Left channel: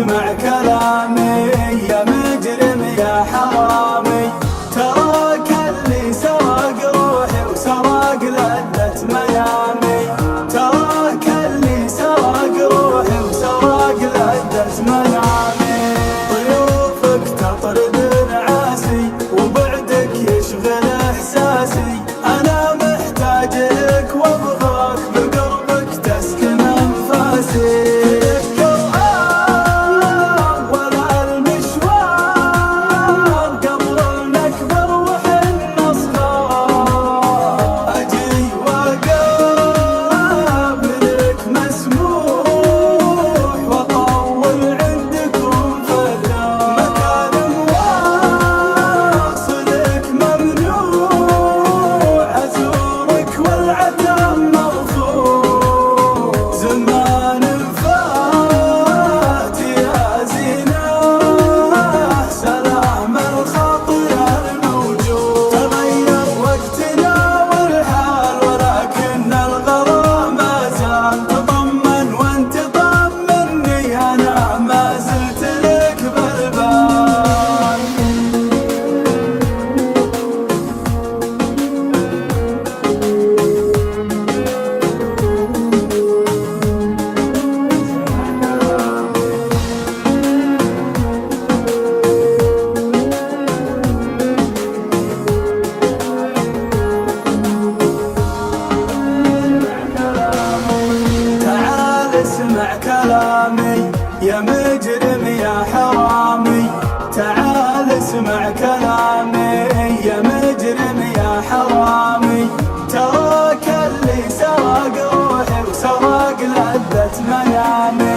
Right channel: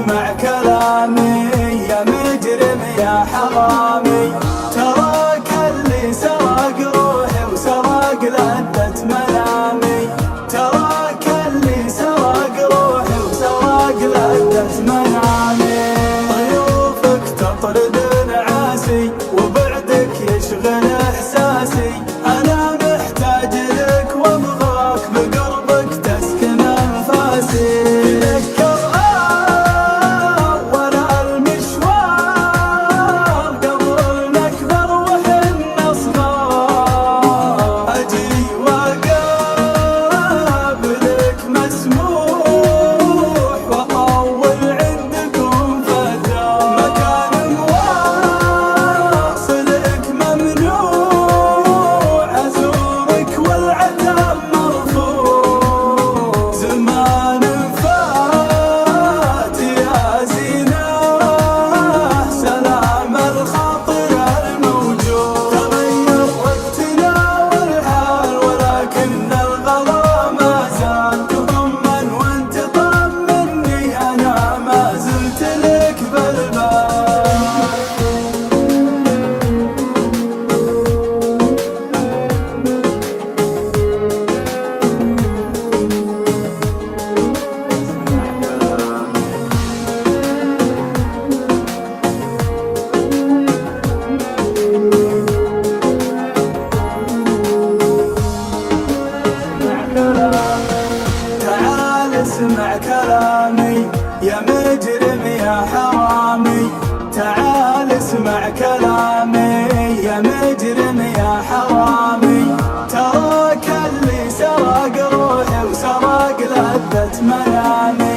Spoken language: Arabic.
اسمع كلامي يا مجرم يا حرامي، تراك اللي سرق روحي وسرق لذة منامي، تراك اللي سرق روحي وسرق لذة منامي. ضيوفك تطرد نعاسي وبعدك يشغل احساسي، انا محتاج لك وابغاك بقربك تسكن انفاسي. اسمع كلامي يا مجرم يا حرامي، تعال اسمع كلامي يا مجرم يا حرامي، تراك اللي سرق روحي وسرق لذة منامي.